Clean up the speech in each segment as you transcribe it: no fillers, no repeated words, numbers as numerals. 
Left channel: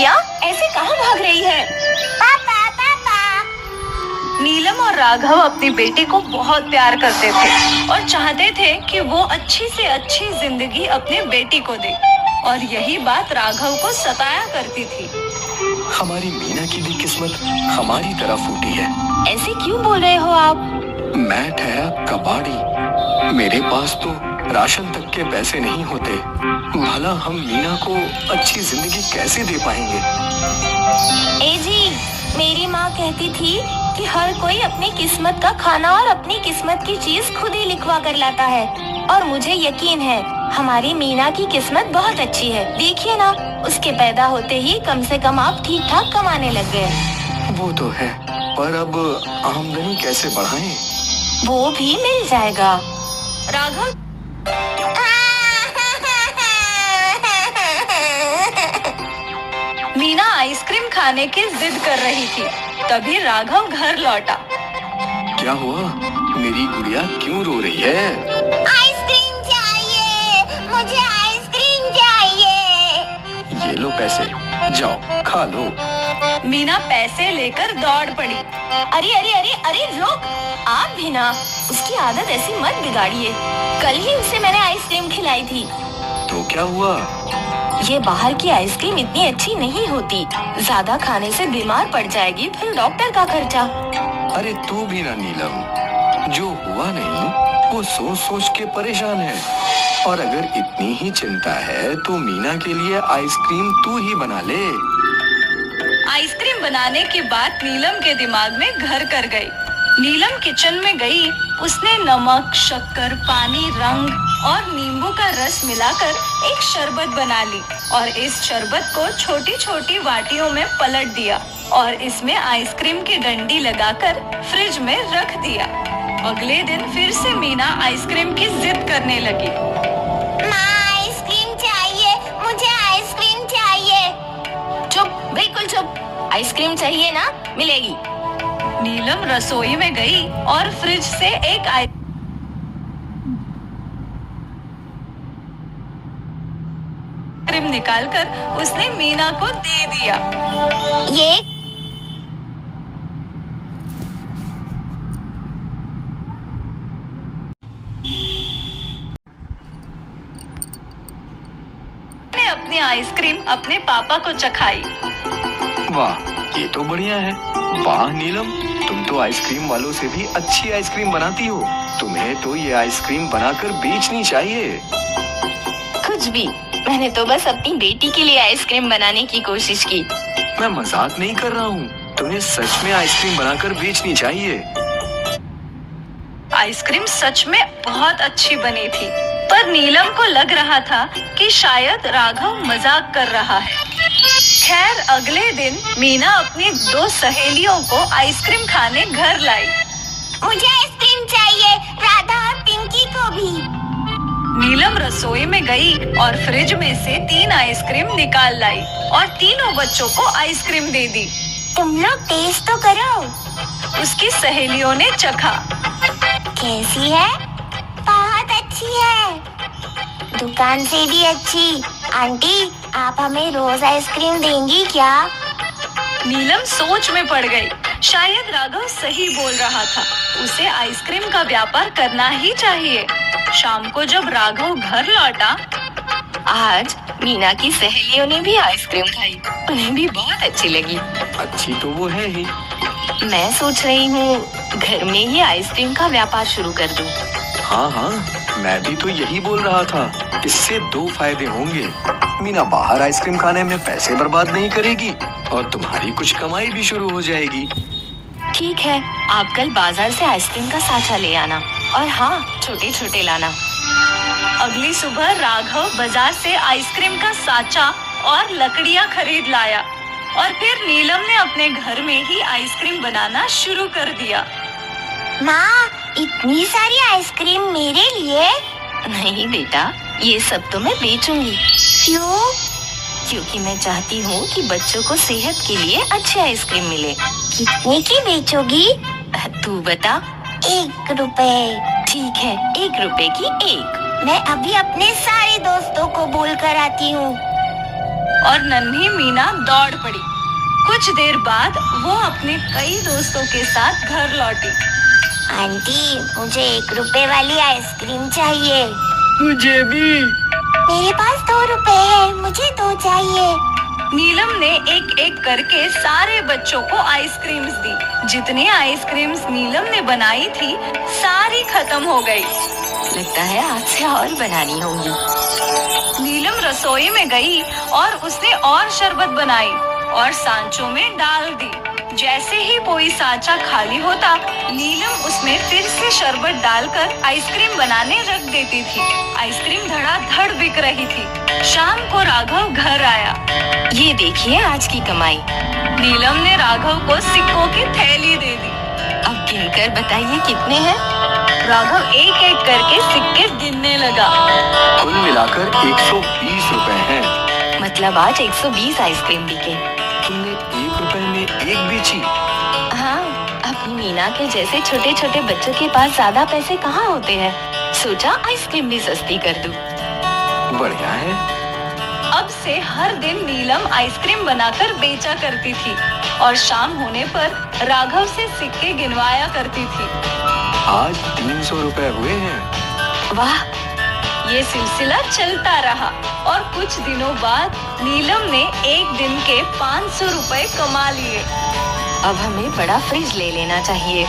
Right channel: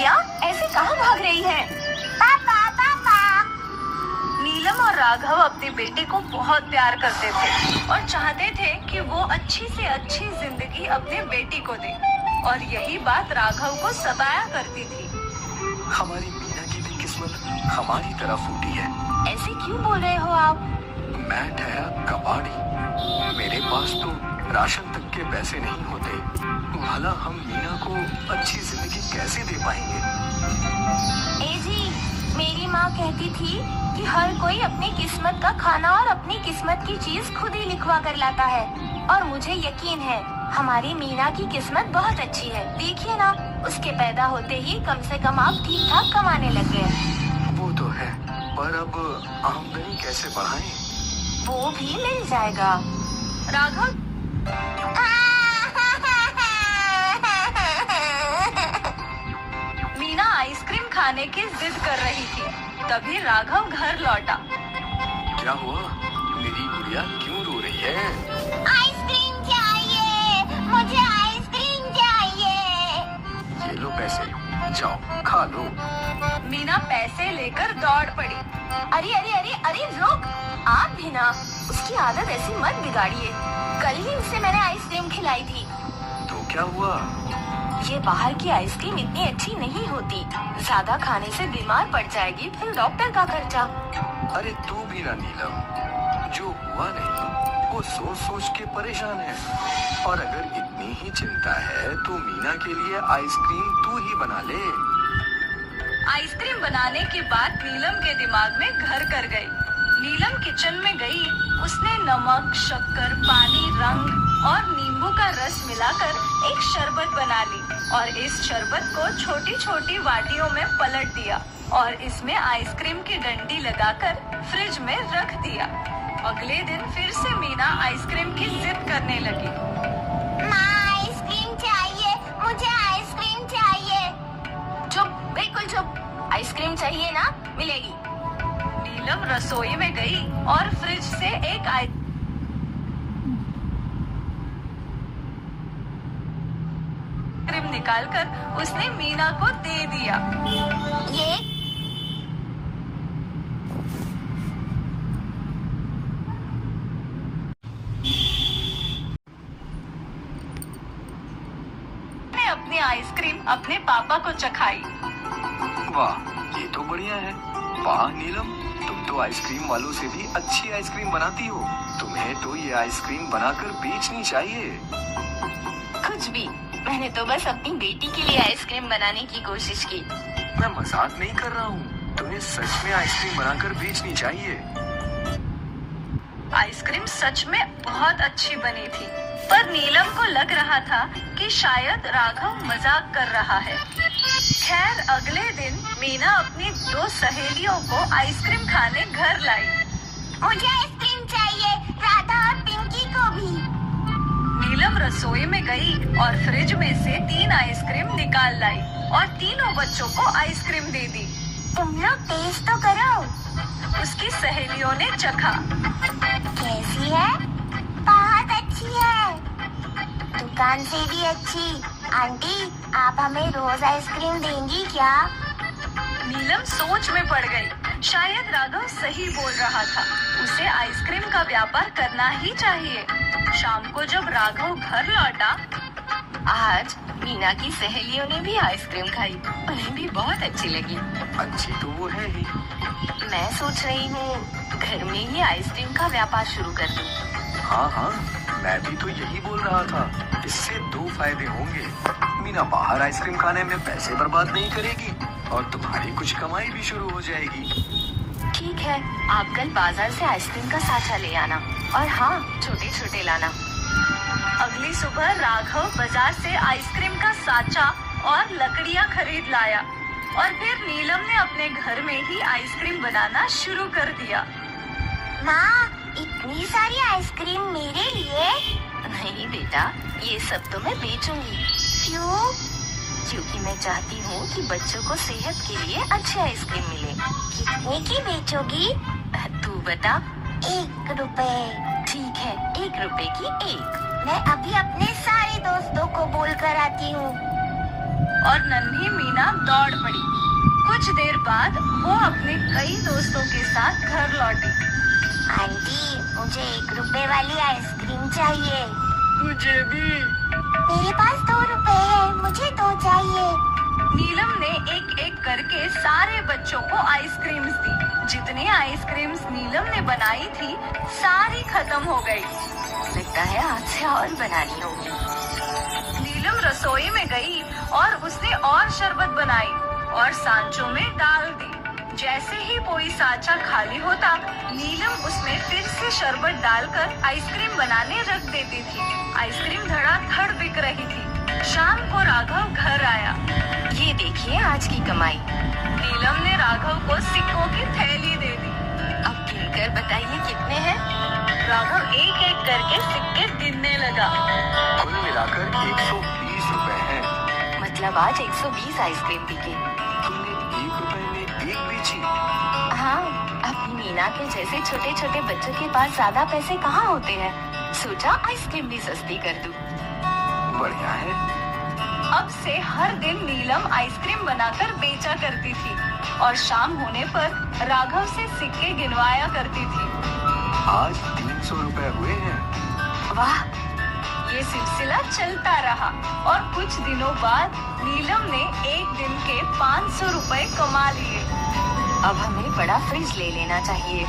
बिटिया ऐसे कहाँ भाग रही है? पापा पापा। नीलम और राघव अपनी बेटी को बहुत प्यार करते थे और चाहते थे कि वो अच्छी से अच्छी जिंदगी अपने बेटी को दे, और यही बात राघव को सताया करती थी। हमारी मीना की भी किस्मत हमारी तरह फूटी है। ऐसे क्यों बोल रहे हो आप? मैं ठहरा कबाड़ी, मेरे पास तो राशन तक के पैसे नहीं होते। भला हम मीना को अच्छी जिंदगी कैसे दे पाएंगे? ए जी, मेरी माँ कहती थी कि हर कोई अपनी किस्मत का खाना और अपनी किस्मत की चीज खुद ही लिखवा कर लाता है, और मुझे यकीन है हमारी मीना की किस्मत बहुत अच्छी है। देखिए ना, उसके पैदा होते ही कम से कम आप ठीक ठाक कमाने लग गए। वो तो है, पर अब आमदनी कैसे बढ़ाएं? वो भी मिल जाएगा। राघव, मीना आइसक्रीम खाने की जिद कर रही थी, तभी राघव घर लौटा। क्या हुआ? मेरी गुड़िया क्यों रो रही है? आइसक्रीम चाहिए, मुझे आइसक्रीम चाहिए। ये लो पैसे, जाओ खा लो। मीना पैसे लेकर दौड़ पड़ी। अरे अरे अरे अरे रुक, आप भी ना, उसकी आदत ऐसी मत बिगाड़िए। कल ही उसे मैंने आइसक्रीम खिलाई थी। तो क्या हुआ? ये बाहर की आइसक्रीम इतनी अच्छी नहीं होती, ज्यादा खाने से बीमार पड़ जाएगी, फिर डॉक्टर का खर्चा। अरे तू भी ना नीलम, जो हुआ नहीं वो सोच सोच के परेशान है। और अगर इतनी ही चिंता है तो मीना के लिए आइसक्रीम तू ही बना ले। आइसक्रीम बनाने की बात नीलम के दिमाग में घर कर गई। नीलम किचन में गई। उसने नमक, शक्कर, पानी, रंग और नींबू का रस मिलाकर एक शरबत बना ली, और इस शरबत को छोटी छोटी वाटियों में पलट दिया और इसमें आइसक्रीम की डंडी लगाकर फ्रिज में रख दिया। अगले दिन फिर से मीना आइसक्रीम की जिद करने लगी। माँ, आइसक्रीम चाहिए, मुझे आइसक्रीम चाहिए। चुप, बिल्कुल चुप। आइसक्रीम चाहिए ना, मिलेगी। नीलम रसोई में गई और फ्रिज से एक आइसक्रीम निकालकर उसने मीना को दे दिया। ये ने अपनी आइसक्रीम अपने पापा को चखाई। वाह, ये तो बढ़िया है। वाह नीलम, तुम तो आइसक्रीम वालों से भी अच्छी आइसक्रीम बनाती हो। तुम्हें तो ये आइसक्रीम बनाकर बेचनी चाहिए। कुछ भी, मैंने तो बस अपनी बेटी के लिए आइसक्रीम बनाने की कोशिश की। मैं मजाक नहीं कर रहा हूँ, तुम्हें सच में आइसक्रीम बनाकर बेचनी चाहिए। आइसक्रीम सच में बहुत अच्छी बनी थी, पर नीलम को लग रहा था कि शायद राघव मजाक कर रहा है। खैर, अगले दिन मीना अपनी 2 सहेलियों को आइसक्रीम खाने घर लाई। मुझे आइसक्रीम चाहिए, राधा और पिंकी को भी। नीलम रसोई में गई और फ्रिज में से 3 आइसक्रीम निकाल लाई और तीनों बच्चों को आइसक्रीम दे दी। तुम लोग टेस्ट तो करो। उसकी सहेलियों ने चखा। कैसी है? बहुत अच्छी है, दुकान से भी अच्छी। आंटी, आप हमें रोज आइसक्रीम देंगी क्या? नीलम सोच में पड़ गई। शायद राघव सही बोल रहा था, उसे आइसक्रीम का व्यापार करना ही चाहिए। शाम को जब राघव घर लौटा, आज मीना की सहेलियों ने भी आइसक्रीम खाई। उन्हें भी बहुत अच्छी लगी। अच्छी तो वो है ही। मैं सोच रही हूँ घर में ही आइसक्रीम का व्यापार शुरू कर दूँ। हाँ हाँ, मैं भी तो यही बोल रहा था। इससे 2 फायदे होंगे। मीना बाहर आइसक्रीम खाने में पैसे बर्बाद नहीं करेगी और तुम्हारी कुछ कमाई भी शुरू हो जाएगी। ठीक है, आप कल बाजार से आइसक्रीम का साचा ले आना, और हाँ, छोटे छोटे लाना। अगली सुबह राघव बाजार से आइसक्रीम का साचा और लकड़ियाँ खरीद लाया, और फिर नीलम ने अपने घर में ही आइसक्रीम बनाना शुरू कर दिया। माँ, इतनी सारी आइसक्रीम मेरे लिए? नहीं बेटा, ये सब तो मैं बेचूंगी। क्यों? क्योंकि मैं चाहती हूँ कि बच्चों को सेहत के लिए अच्छी आइसक्रीम मिले। कितने की बेचोगी? तू बता। 1 रुपए। ठीक है, 1 रुपए की 1। मैं अभी अपने सारे दोस्तों को बोल कर आती हूँ। और नन्ही मीना दौड़ पड़ी। कुछ देर बाद वो अपने कई दोस्तों के साथ घर लौटी। आंटी, मुझे 1 रुपए वाली आइसक्रीम चाहिए। मुझे भी। मेरे पास 2 रुपए है, मुझे 2 चाहिए। नीलम ने एक एक करके सारे बच्चों को आइसक्रीम्स दी। जितनी आइसक्रीम्स नीलम ने बनाई थी सारी खत्म हो गई। लगता है आज से और बनानी होंगी। नीलम रसोई में गई और उसने और शरबत बनाई और सांचों में डाल दी। जैसे ही कोई सांचा खाली होता, नीलम उसमें फिर से शरबत डालकर आइसक्रीम बनाने रख देती थी। आइसक्रीम धड़ाधड़ बिक रही थी। शाम को राघव घर आया। ये देखिए आज की कमाई। नीलम ने राघव को सिक्कों की थैली दे दी। अब गिनकर बताइए कितने हैं? राघव एक एक करके सिक्के गिनने लगा। कुल मिलाकर 120 रुपए हैं। मतलब आज 120 आइसक्रीम बिके। तुमने 1 रुपए में एक बेची? हाँ, अपनी मीना के जैसे छोटे छोटे बच्चों के पास ज्यादा पैसे कहाँ होते हैं। सोचा आइसक्रीम भी सस्ती कर दूं। बढ़िया है। अब से हर दिन नीलम आइसक्रीम बनाकर बेचा करती थी और शाम होने पर राघव से सिक्के गिनवाया करती थी। आज 300 रुपए हुए हैं। वाह, ये सिलसिला चलता रहा और कुछ दिनों बाद नीलम ने एक दिन के 500 रुपए कमा लिए। अब हमें बड़ा फ्रिज ले लेना चाहिए।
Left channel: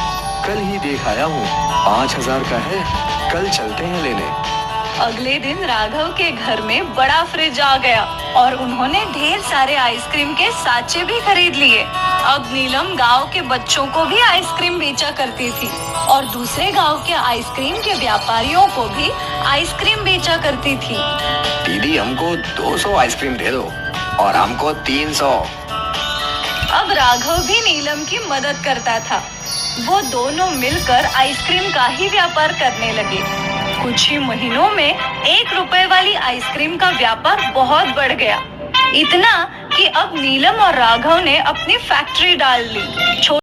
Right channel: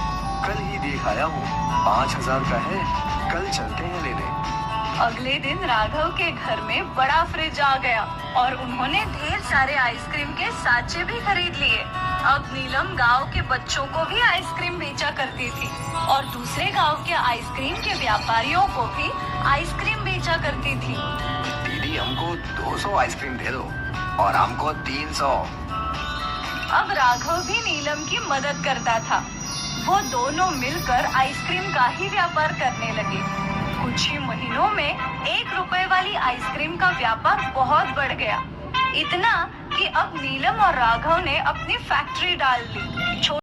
कल ही देख आया हूँ, 5000 का है। कल चलते हैं लेने। अगले दिन राघव के घर में बड़ा फ्रिज आ गया और उन्होंने ढेर सारे आइसक्रीम के साँचे भी खरीद लिए। अब नीलम गांव के बच्चों को भी आइसक्रीम बेचा करती थी और दूसरे गांव के आइसक्रीम के व्यापारियों को भी आइसक्रीम बेचा करती थी। दीदी, हमको 200 आइसक्रीम दे दो और हमको 300। अब राघव भी नीलम की मदद करता था। वो दोनों मिलकर आइसक्रीम का ही व्यापार करने लगे। कुछ ही महीनों में 1 रुपए वाली आइसक्रीम का व्यापार बहुत बढ़ गया। इतना कि अब नीलम और राघव ने अपनी फैक्ट्री डाल ली।